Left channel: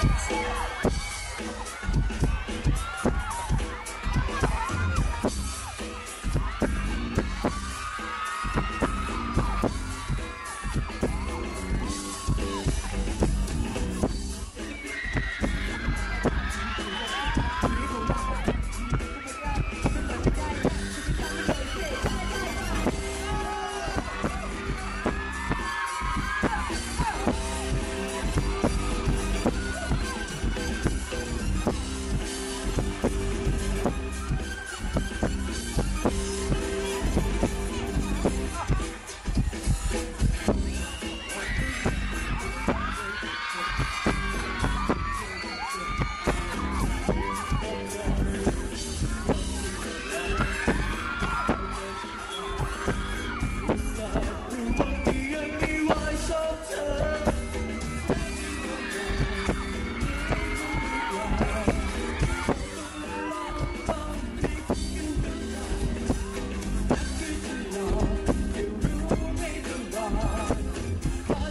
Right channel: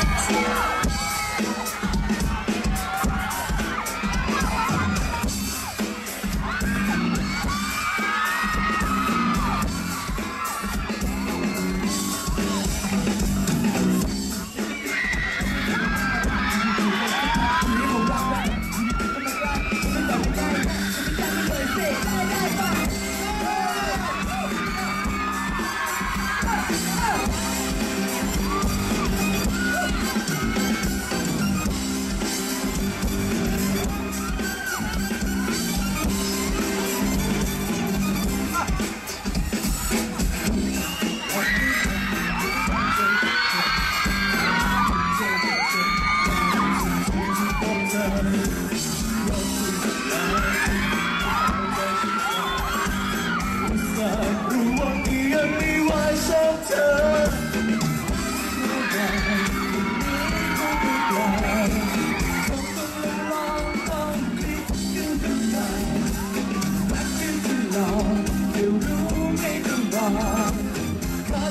รู้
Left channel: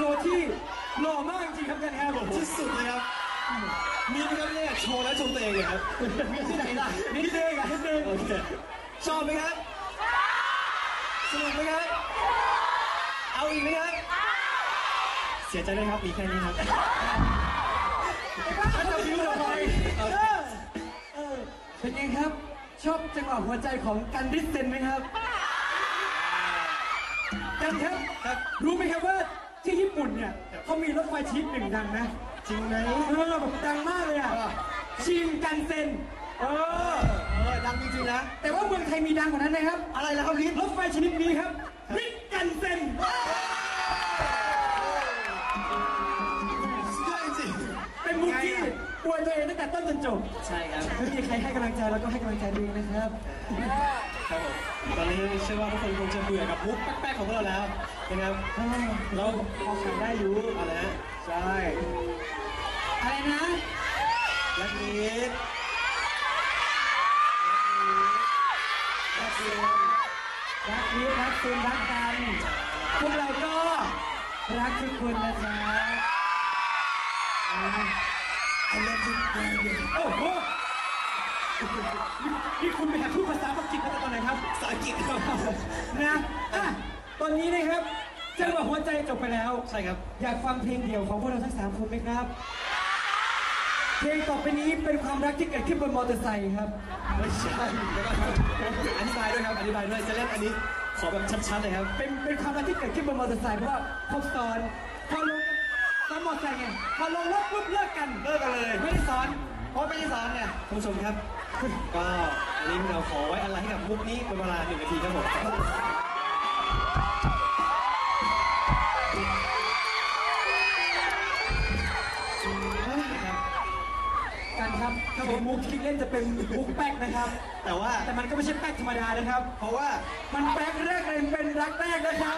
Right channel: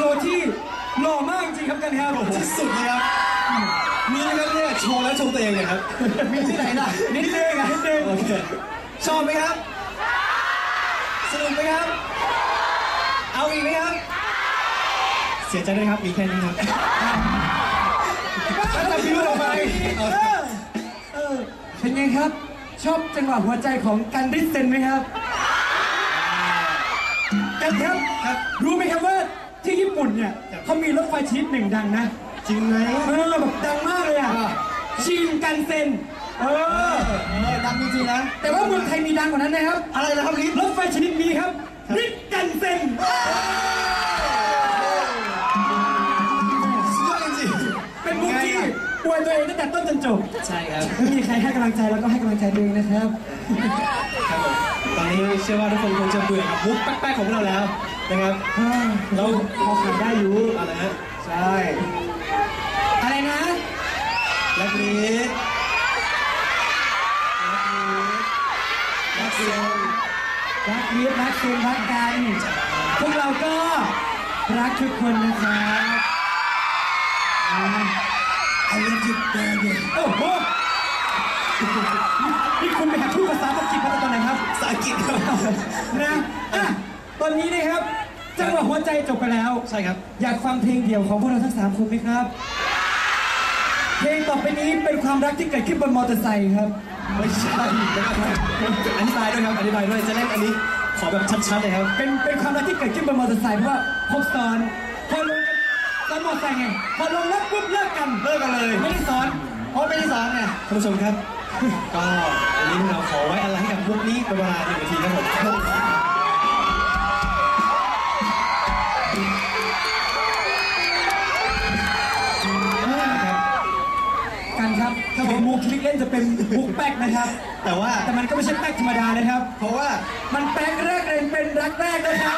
โชว์ที่หล่อมากจริงๆครับกันครับที่สุดเลยครับมีไหมครับเนี่ยโชว์แล้วชมตัวเองนะครับมีที่ไหนล่ะนิดนึงอะนิดนึงโอเคชอบไหมครับสนุกไหมครับ เอาอีกไหมครับ เสียใจด้วยครับมีแค่นี้ครับถ้าจะบิวออกไปเออเออเป็นไงครับ ชอบจังหวะหัวใจของกันดิสเซนไหมครับ กันครับครับรู้ไหมครับว่า ที่ญี่ปุ่นเนี่ยเขามีรถไฟชนิดหนึ่งดังนะ จริงไหมเออแบบดังมากเลยอะอ่าชินกันเซ็นเออเออดังจริงๆนะแต่ว่าเมืองไทยมีดังกว่านั้นนะครับ อะไรนะครับลิฟรถไฟชนิดนี้ครับริกกันเซ็นสุดยอดจริงเป็นมุกที่อวยตัวเองตั้งแต่ต้นจนจบๆใช่ครับไม่มีใครให้กำลังใจแล้วก็ให้กำลังใจตัวเองนะครับครับผมตอนนี้เชื่อว่าทุกคนคงจะเบื่อกับมุกแป๊กๆของพวกเราแล้ว นะครับเราพอขายได้อยู่อะไรฮะใช่อะไรนะแบล็คลิสแบล็คลิสรักมิตรรักคุณรักกันพวกเราก็รักทุกคนนะครับอ่า I love you baby โอ้โหนี่คุณไปหาทูตภาษาอังกฤษมาจากตอนไหนครับภาษาอังกฤษครับนะอะ ตอนนี้นะครับจังหวะหัวใจจบไปแล้ว ใช่ครับ อยากฟังเพลงเดี่ยวของพวกเราทั้งสามคนไหมครับ เพลงต่อไปนี้เป็นความรักที่เกิดขึ้นบนมอเตอร์ไซค์ครับ ไม่ใช่นะครับอธิบายด้วยครับอธิบายด้วยจะเล่นอันนี้ขอแบบชัดๆเลยครับ เป็นเป็นความรักที่เกิดขึ้นบนมอเตอร์ไซค์เพราะว่าพบซ้อนพอลงกันซ้อนมอเตอร์ไซค์ไงพอลงแล้วปุ๊บเลิกกันเลิกกันเลยไม่ได้ซ้อนเพราะไม่ได้ซ้อนไงท่านผู้ชมครับ ก็วันนี้พวกเราขอไว้อะไรให้กับมุกนี้เป็นเวลาหนึ่งนาทีครับผม เล่นจะเป็นมุกแป๊กนะครับ แต่ว่าแต่มันก็ไม่ใช่แป๊กธรรมดานะครับ เพราะว่ามันแป๊กแรกเรียนเป็นรักแรกนะครับ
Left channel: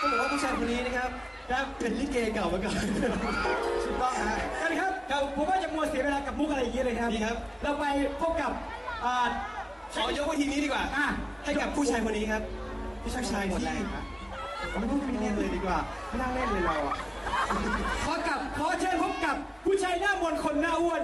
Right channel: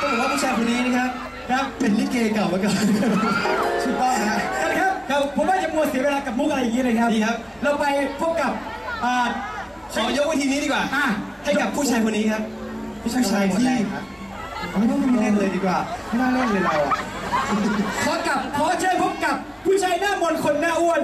ต้องบอกว่าผู้ชายคนนี้นะครับครับเป็นลิเกเก่ามาก่อนถูกต้องนะกันครับเราผมว่าจะมัวเสียเวลากับมุกอะไรอย่างนี้เลยครับดีครับ เราไปพบกับอ่าขอยกวิธีนี้ดีกว่าอะให้กับผู้ชายคนนี้ครับ ผู้ชายที่ไม่ต้องไม่เล่นเลยดีกว่าไม่น่าเล่นเลยเราอะขอกับขอ หน้ามนคนหน้าอ้วน